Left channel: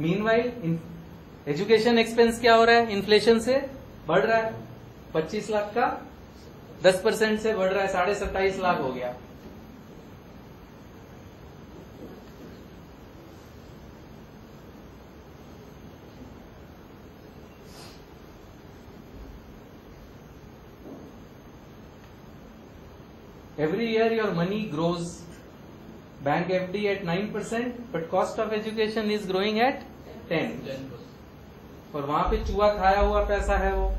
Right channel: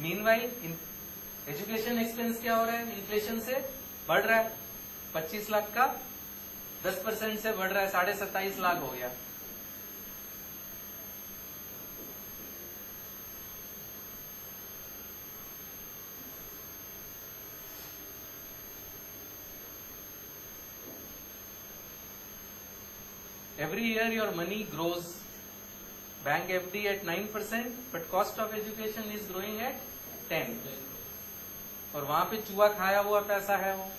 Meanwhile education expense क्या हो रहा है, इन्फ्लेशन से बढ़ रहा है। 25 लाख का 10% से बढ़ रहा है, 27.5 लाख हो गया। Every year your money grows. Bank FD at 9%, but cost of education is growing at 10. और वहां पे चूहा खाया हुआ पैसा है वो।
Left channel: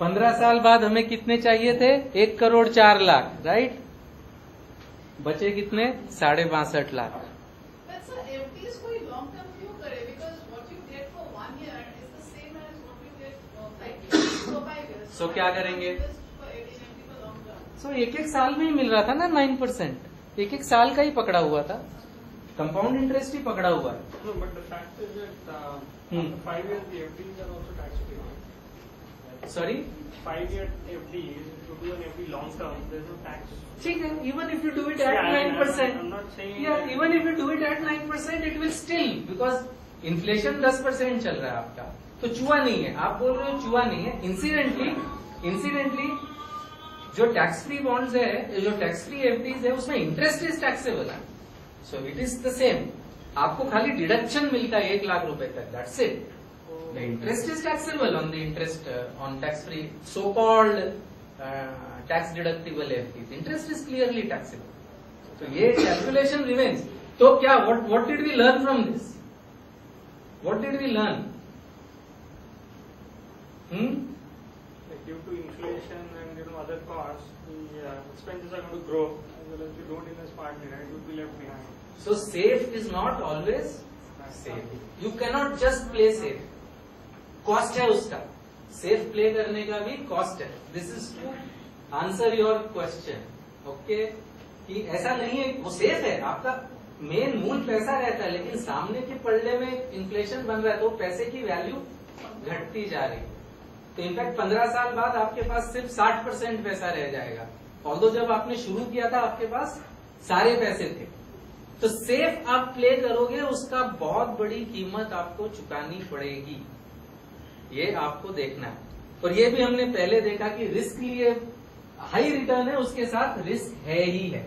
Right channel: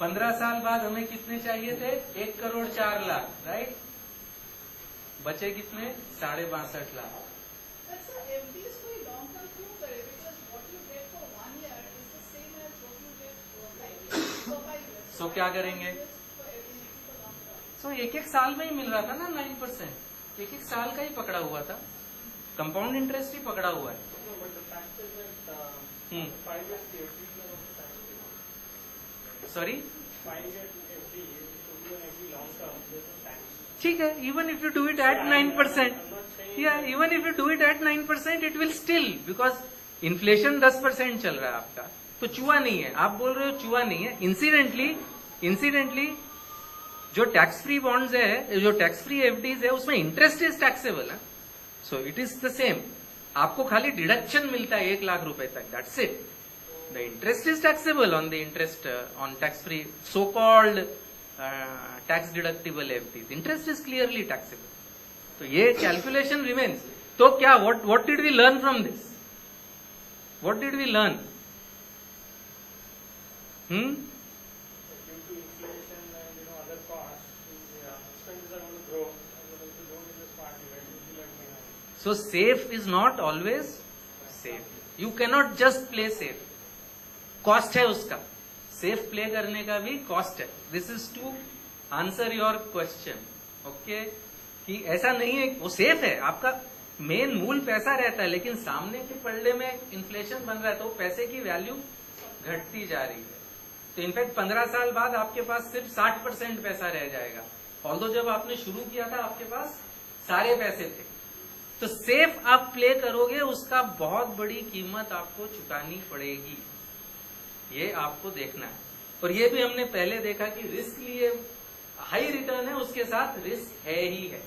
पंद्रह साल बाद हमें कितने चाहिए थे, 1,04,00,000, राइट। बचे कितने, 62.5 लाख। सो क्या करेंगे, सो एक एक साल में ही मिल रहा था ना 9%, एक एक साल का ही पकड़ा हुआ था, कंपाउंड इंटरेस्ट ही पकड़ा हुआ है। Sorry, 5-year FD, to do an FD long term, there's no tax. ठीक है, even if you do it at 9%, yeah, even if you do it at 9%, it will still, because inflation 10% चल रहा है आपका, तो चूहा नहीं है। आप बोल रहे हो चूहा नहीं है, इंसिडेंटली जो टैक्स फ्री बॉन्ड्स है, जो टैक्स फ्री एफडीज है, उसमें इंटरेस्ट इज टैक्सेबल है, so it is the same. आपको खाली डिडक्शन मिलता है 1 लाख रुपए तक, that's it. The interest is taxable on the interest on tax-free, so-called tax-deductible FDs. Interest is clearly taxable. So ये calculation remains. तो क्या? What did we learn from this? What did we learn? Due to inflation and other costs, the expenses are going to grow. As well as you don't invest partly, right? You will be left behind. So safe is not always safe. You cannot just play safe. Cost है उसका, safe play करने का भी cost है। This is to answer your question, okay, कि ऐसा नहीं है वो सेफ है, आपका मेन मूल पैसा रहता है, लेकिन सामने के पलड़े में इन्फ्लेशन बन रहा है तो पैसे की वैल्यू घटती जा रही है। तो इनफैक्ट 15 साल बाद आपके पास सिर्फ 60% पैसा रह जाएगा, ऑल्दो जब आपने शुरू किया था आपके पास सारे पैसे थे। तो सेफ आप प्ले करोगे, उसका बहुत बड़ी कीमत आपको चुकानी पड़ेगी, ये आपको देखना है। और ये भी हमने पहले देखा कि रिस्क लिए हाई रिटर्न है, उसके साथ रिस्क है ही है,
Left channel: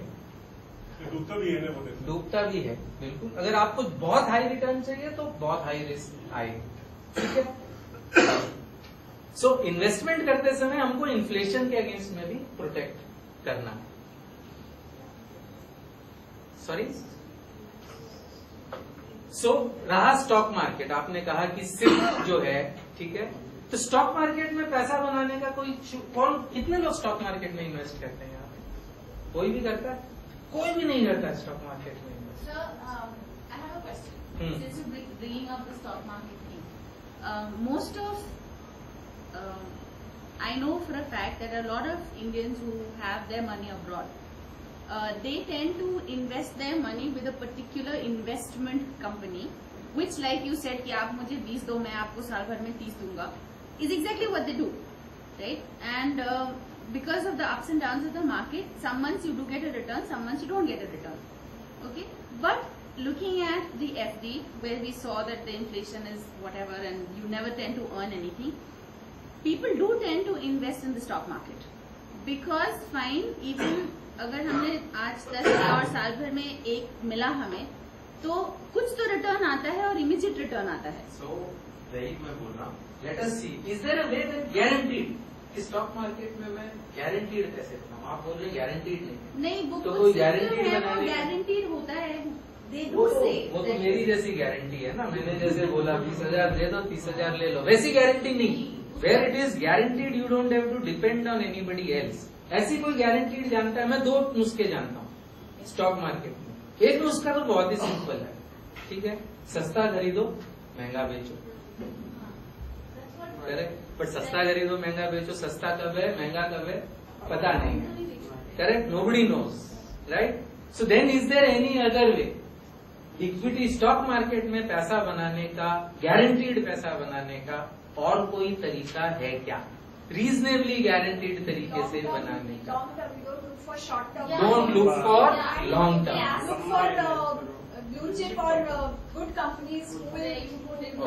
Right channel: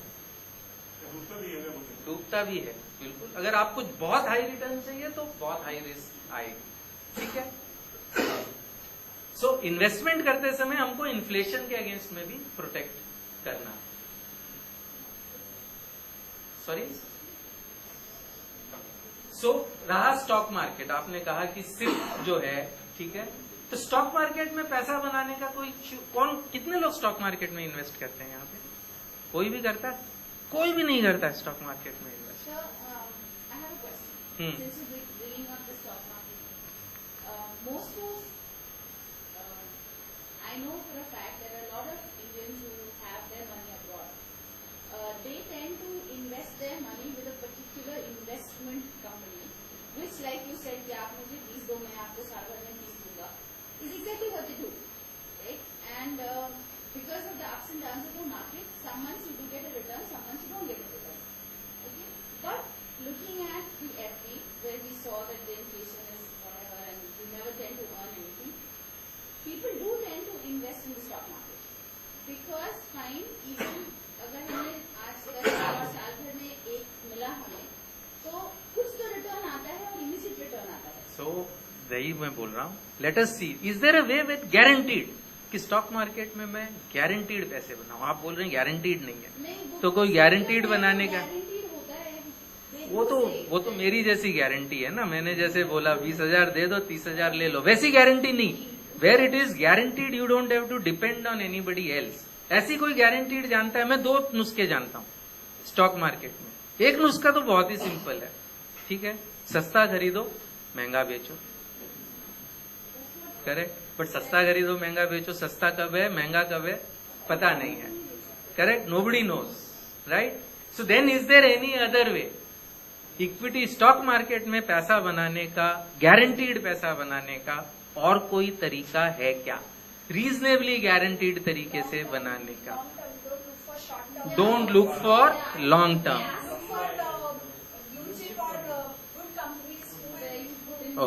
डूबता भी है बिल्कुल। अगर आपको बहुत हाई रिटर्न चाहिए तो बहुत हाई रिस्क आएगी, ठीक है। सो इन्वेस्टमेंट करते समय हमको इन्फ्लेशन के अगेंस्ट में भी प्रोटेक्ट करना है। सॉरी, सो रहा स्टॉक मार्केट, आपने कहा कि सिर्फ जो है, ठीक है, तो स्टॉक मार्केट में पैसा बनाने का कोई कौन, कितने लोग स्टॉक मार्केट में इन्वेस्ट करते हैं? यहाँ पे कोई भी करता है? कोई भी नहीं करता स्टॉक मार्केट में invest. Most of I know for a fact that a lot of Indians who have their money abroad, they tend to invest their money with a particular investment company, which, like you said, कि आप मुझे 20 दो, मैं आपको साल भर में 30 दूंगा, is exactly what they do, right? And because of the ups and downs of the market, some months you do get a return, some months you don't get a return, okay? But looking at the FD, where we saw that the inflation is whatever and you never tend to earn anything, people do tend to invest in the stock market, because fine, even अगर हमने आज 10 और साल भर में एक मिला हमें, तो कुछ तो रिटर्न आता है और इमीडिएट रिटर्न आता है। सो वही मैं बोल रहा हूँ, let us see, is there a way with guaranteed, कि स्टॉक मार्केट में मैं गारंटीड पैसे बनाऊं? आप बोल रहे हैं गारंटीड नहीं है, नहीं, वो तो कोई गारंटीड बनाने का, गारंटीड होता है, वो तो मेरी जैसी गारंटी है ना, मैंने जैसे बोला 20,000 दे दो 30,000 ले लो, वैसी गारंटी नहीं। Where it is guaranteed you don't have to depend on anybody else. ऐसी कोई गारंटीड जानता है? मैं 2 नुस्खे जानता हूँ स्टॉक मार्केट में। एक नुस्खा तो बहुत ही सिंपल है, ठीक है, सस्ता खरीदो महंगा बेचो, करेक्ट। बट सस्ता खरीदो महंगा बेचो, सस्ता कब है महंगा कब है पता नहीं है, correct, nobody knows, right? So then is there any other way? Equity stock market में पैसा बनाने का, गारंटीड पैसा बनाने का और कोई तरीका है क्या? रीजनेबली गारंटीड तरीके से बनाने का. Don't look for long term.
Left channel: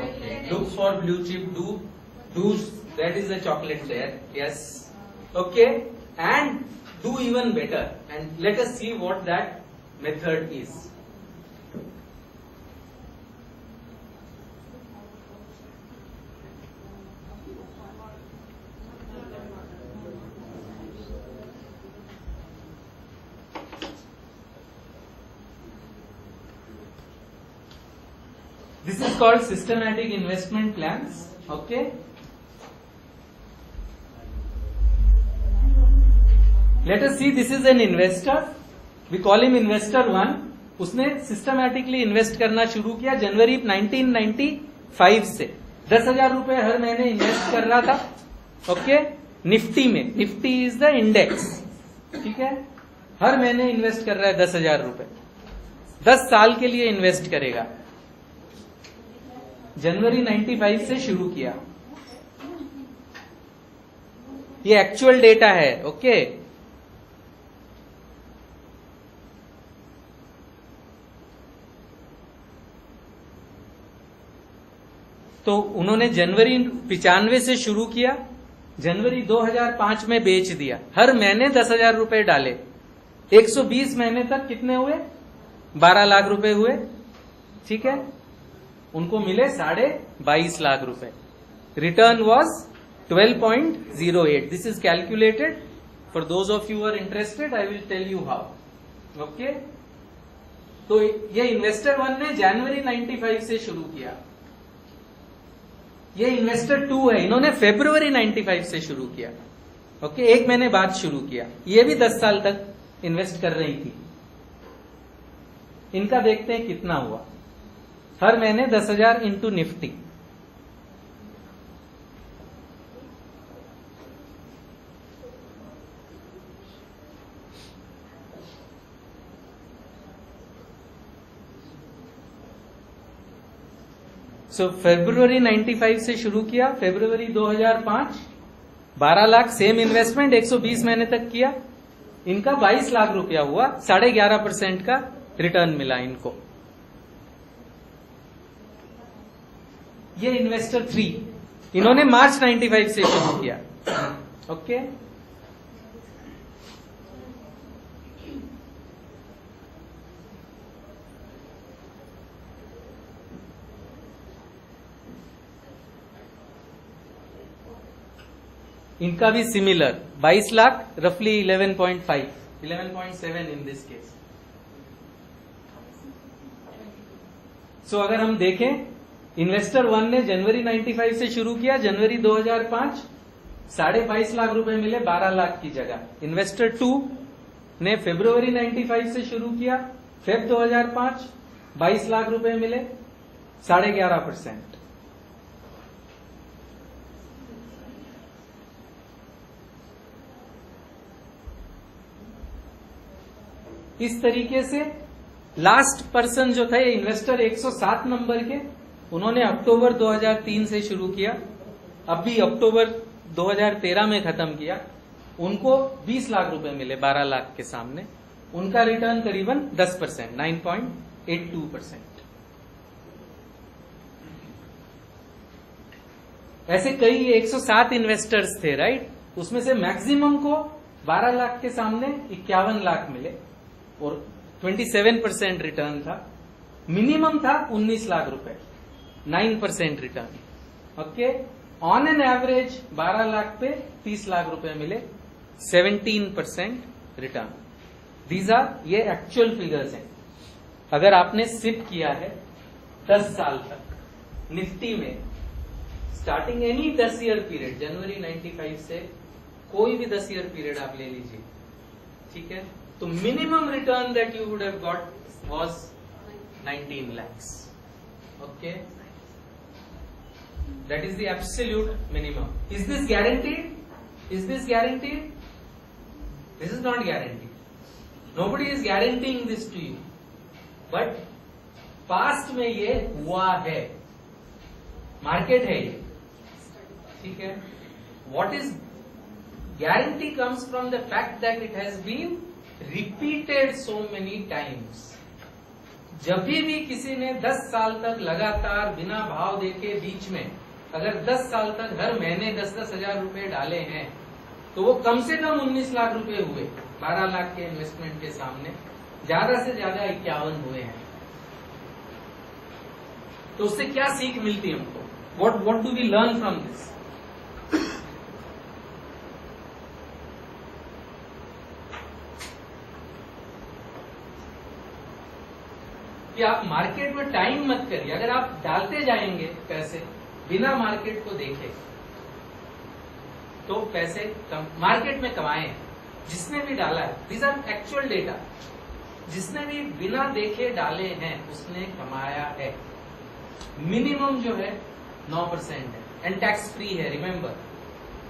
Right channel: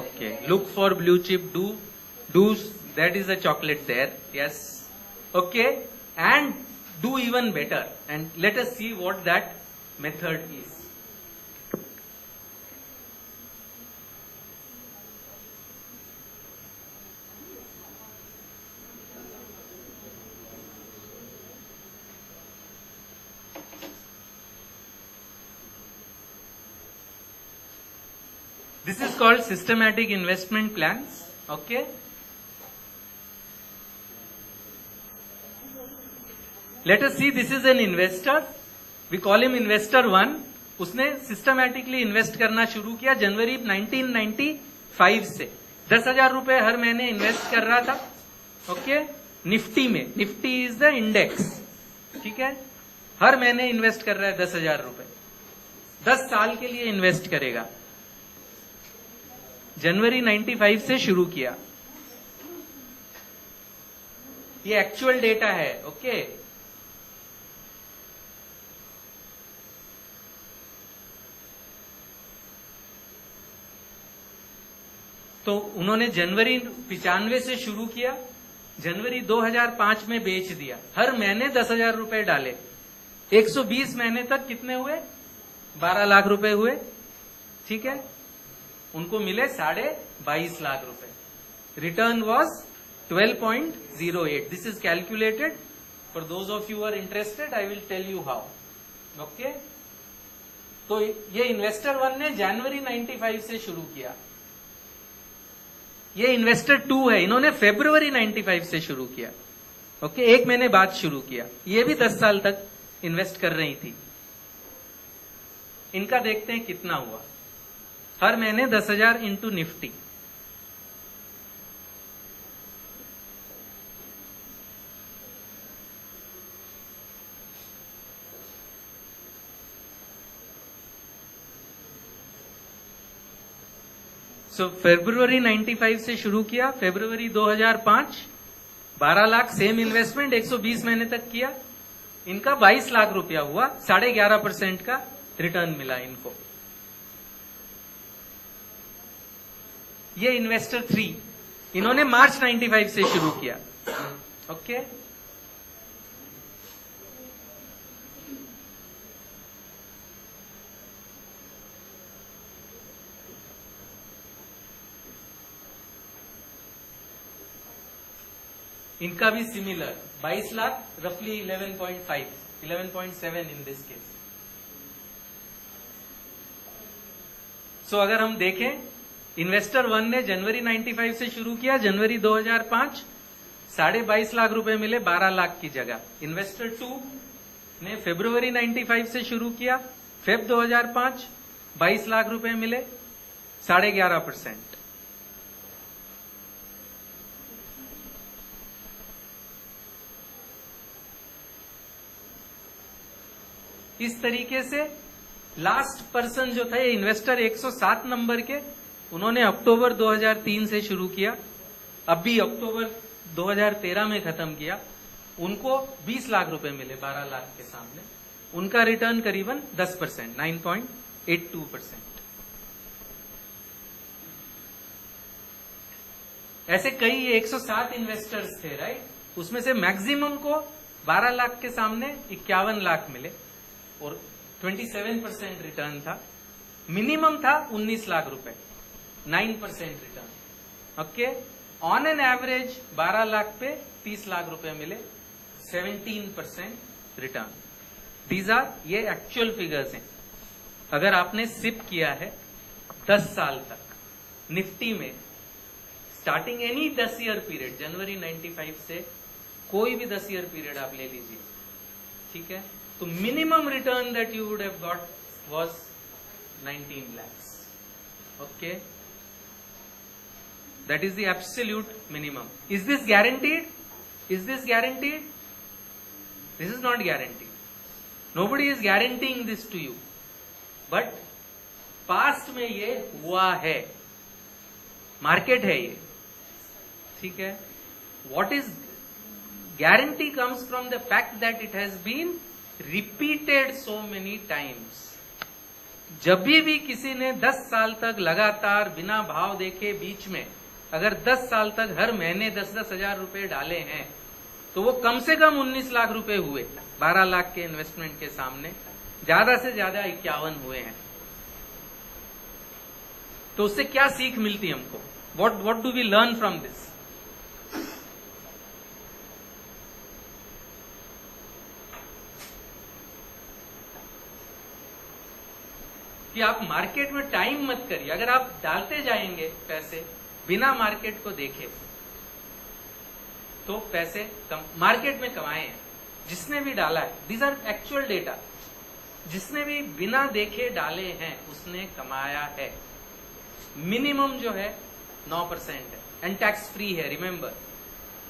Okay, look for blue chip. Do that is a chocolate there. Yes. Okay, and do even better. And let us see what that method is. This is called systematic investment plans. Okay. Let us see, this is an investor. We call him investor 1. उसने systematically invest करना शुरू किया जनवरी 1995 से. 10,000 रुपए हर महीने invest कर रहा था. ओके, निफ्टी में. Nifty is the index. ठीक है, हर महीने इन्वेस्ट कर रहा है 10,000 रुपए. 10 साल के लिए इन्वेस्ट करेगा. जनवरी 95 से शुरू किया. ये एक्चुअल डेटा है. ओके, तो उन्होंने जनवरी 95 से शुरू किया, जनवरी 2005 में बेच दिया. हर महीने 10,000 रुपए डाले. 120 महीने तक कितने हुए? 12 लाख रुपए हुए. ठीक है, उनको मिले 22.5 लाख रुपए. Return was 12.08. This is calculated. For those of you are interested, I will tell you how. Okay, तो ये इन्वेस्टर 1 ने जनवरी 95 से शुरू किया. ये इन्वेस्टर 2 है, इन्होंने फरवरी 95 से शुरू किया. ओके, एक महीने बाद शुरू किया. ये भी 10 साल तक इन्वेस्ट कर रही थी. इनका देखते हैं कितना हुआ. हर महीने 10,000 इंटू निफ्टी. सो फरवरी 95 से शुरू किया. फरवरी 2005 12 लाख, सेम इन्वेस्टमेंट 120 महीने तक किया. इनका 22 लाख रुपया हुआ. 11.5% का रिटर्न मिला इनको. ये इन्वेस्टर 3, इन्होंने मार्च 95 से शुरू किया. ओके, इनका भी सिमिलर 22 लाख, रफली 11.5, 11.7 इन दिस केस. सो अगर हम देखें, इन्वेस्टर 1 ने जनवरी 95 से शुरू किया, जनवरी 2005 22.5 लाख रुपए मिले 12 लाख की जगह. इन्वेस्टर 2 ने फरवरी 95 से शुरू किया, फेब 2005 22 लाख रुपए मिले 11.5%. इस तरीके से लास्ट पर्सन जो था, ये इन्वेस्टर 107 नंबर के, उन्होंने अक्टूबर 2003 से शुरू किया. अभी अक्टूबर 2013 में खत्म किया. उनको 20 लाख रुपए मिले 12 लाख के सामने. उनका रिटर्न करीबन 10%, 9.82%. ऐसे कई 107 इन्वेस्टर्स थे, राइट? उसमें से मैक्सिमम को 12 लाख के सामने 51 लाख मिले और 27% रिटर्न था. मिनिमम था 19 लाख रुपए, 9% return. Okay, on an average 12 lakh पे 30 लाख रुपए मिले, 17% रिटर्न. दीज आर, ये एक्चुअल फिगर्स हैं. अगर आपने सिप किया है 10 साल तक निफ्टी में, स्टार्टिंग एनी 10 ईयर पीरियड, जनवरी 95 से कोई भी 10 ईयर पीरियड आप ले लीजिए, ठीक है, तो minimum return that you would have got was 19 lakhs. Okay, that is the absolute minimum. Is this guaranteed? Is this guaranteed? This is not guaranteed. Nobody is guaranteeing this to you, but past में ये हुआ है, market है ये, ठीक है. What is guarantee comes from the fact that it has been repeated so many times. जब भी किसी ने 10 साल तक लगातार बिना भाव देखे बीच में अगर 10 साल तक हर महीने 10-10 हजार रुपए डाले हैं तो वो कम से कम 19 लाख रुपए हुए. 12 लाख के इन्वेस्टमेंट के सामने ज्यादा से ज्यादा 51 हुए हैं. तो उससे क्या सीख मिलती है हमको? What do we learn from this? कि आप मार्केट में टाइम मत करिए. अगर आप डालते जाएंगे पैसे बिना मार्केट को देखे तो पैसे मार्केट में कमाए हैं. जिसने भी डाला है, दीज आर एक्चुअल डेटा, जिसने भी बिना देखे डाले हैं उसने कमाया है. मिनिमम जो है 9% है एंड टैक्स फ्री है. Remember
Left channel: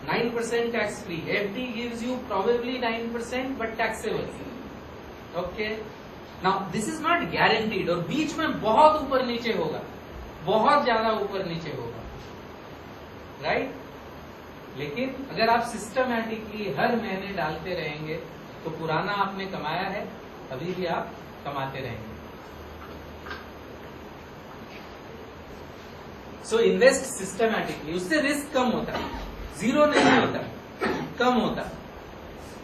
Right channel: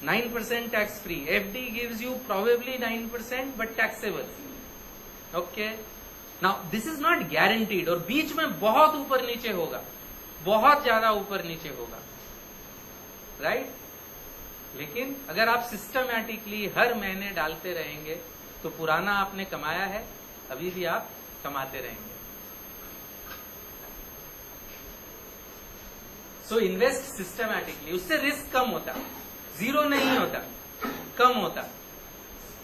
9% tax free. FD gives you probably 9% but taxable. Okay, now this is not guaranteed. और बीच में बहुत ऊपर नीचे होगा, बहुत ज्यादा ऊपर नीचे होगा, राइट? लेकिन अगर आप सिस्टमैटिकली हर महीने डालते रहेंगे तो पुराना आपने कमाया है, अभी भी आप कमाते रहेंगे. So invest systematically. उससे रिस्क कम होता है, जीरो नहीं होता, कम होता.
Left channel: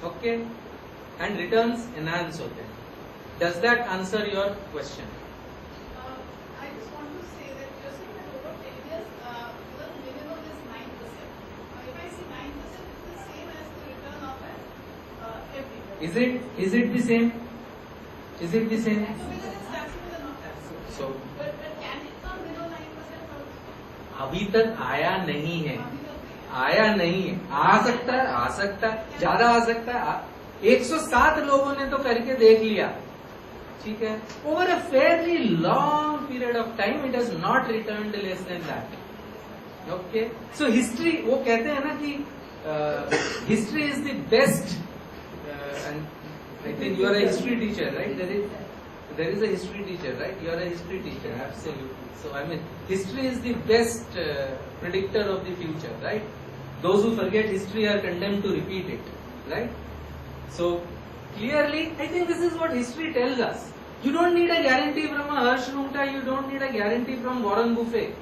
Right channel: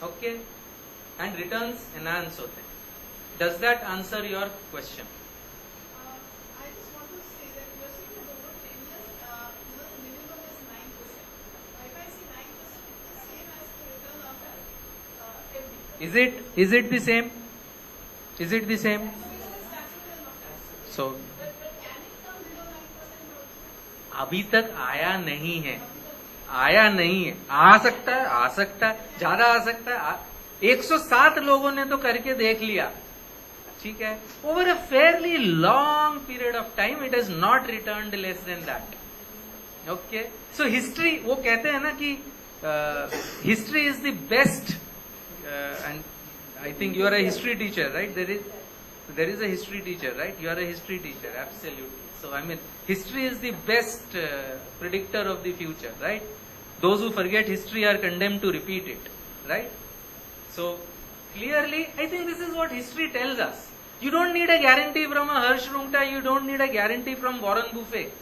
ओके, एंड रिटर्न्स एनहांस होते हैं. Does that answer your question? I just want to say that you're saying that over 10 years, the minimum is 9%. If I say 9%, it's the same as the return of an every year. Is it the same? Is it the same? Because it's taxable or not taxable. So But can it come below 9% or अभी तक आया नहीं है, आया नहीं है. आ सकता है, आ सकता है, ज्यादा आ सकता है. 107 लोगों ने तो करके देख लिया, ठीक है. Over a fairly long period of time it has not returned less than that. Okay, so history, वो कहते हैं ना कि history is the best. And I think you are a history teacher, right? There is a history teacher, right? You are a history teacher, absolutely. So I mean history is the best predictor of the future, right? Those who forget history are condemned to repeat it, right? So clearly, I think this is what history tells us. You don't need a guarantee from a Harsh Rungta. You don't need a guarantee from Warren Buffett.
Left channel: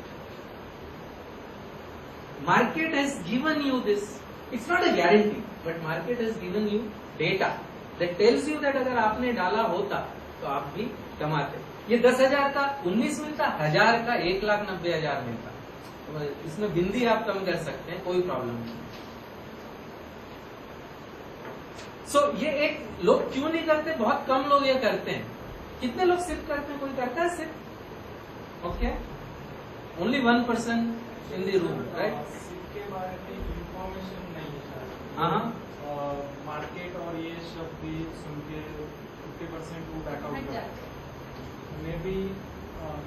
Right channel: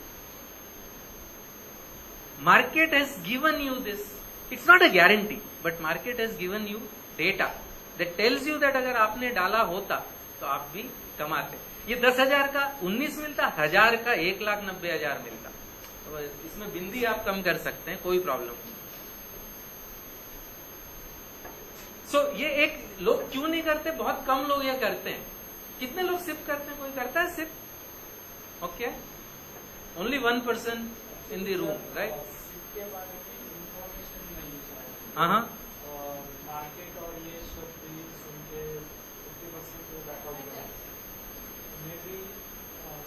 Market has given you this. It's not a guarantee, but market has given you data that tells you that अगर आपने डाला होता तो आप भी कमाते. ये 10,000 का 19 मिलता, 1000 का 1,90,000 मिलता. तो इसमें बिंदी आप कम कर सकते हैं, कोई प्रॉब्लम नहीं. सो ये एक लोग क्यों नहीं करते? बहुत कम लोग ये करते हैं. कितने लोग सिप करते हैं? कोई करता है SIP? Okay, only 1% in the room, right? SIP के बारे में इंफॉर्मेशन नहीं है. हाँ, मार्केट और ये सब भी सुन के 50% वो बैकआउट करते हैं. मे भी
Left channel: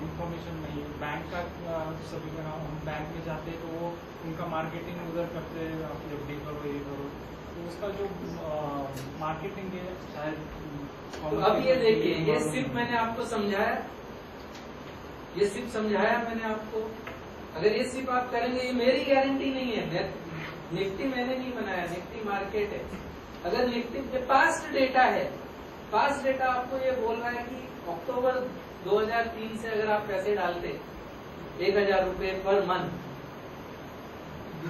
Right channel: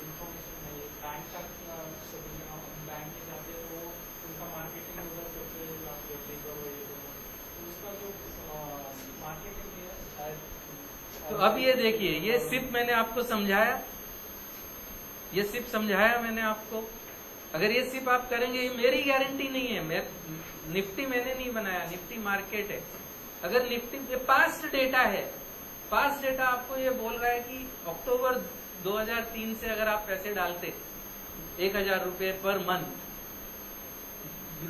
इंफॉर्मेशन नहीं है. बैंक का सभी का हम बैंक में जाते हैं तो वो उनका मार्केटिंग उधर करते हैं, आप एफडी करो, ये करो. तो उसका जो मार्केटिंग है शायद. तो अब ये देखिए, ये सिर्फ मैंने आपको समझाया, ये सिर्फ समझाया मैंने आपको. अगर ये सिर्फ आप करेंगे, ये मेरी गारंटी नहीं है. मैं निफ्टी मैंने नहीं बनाया, निफ्टी मार्केट है. अगर निफ्टी पास्ट डेटा है, पास्ट डेटा आपको ये बोल रहा है कि अक्टूबर 2003 से अगर आप पैसे डालते 1,000 रुपए पर मंथ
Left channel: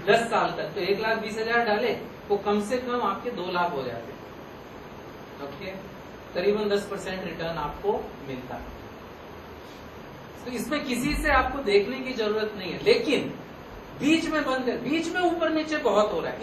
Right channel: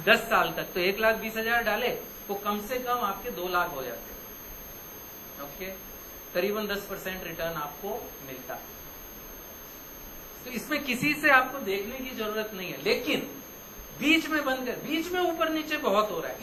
10 साल तक, तो 1,20,000 डाले वो कम से कम आपके 2 लाख हो जाते. ओके, करीबन 10% रिटर्न आपको मिलता. तो इसमें किसी से आपको देखने की जरूरत नहीं है. लेकिन बीच में बंद कर, बीच में ऊपर नीचे बहुत हो रहा है.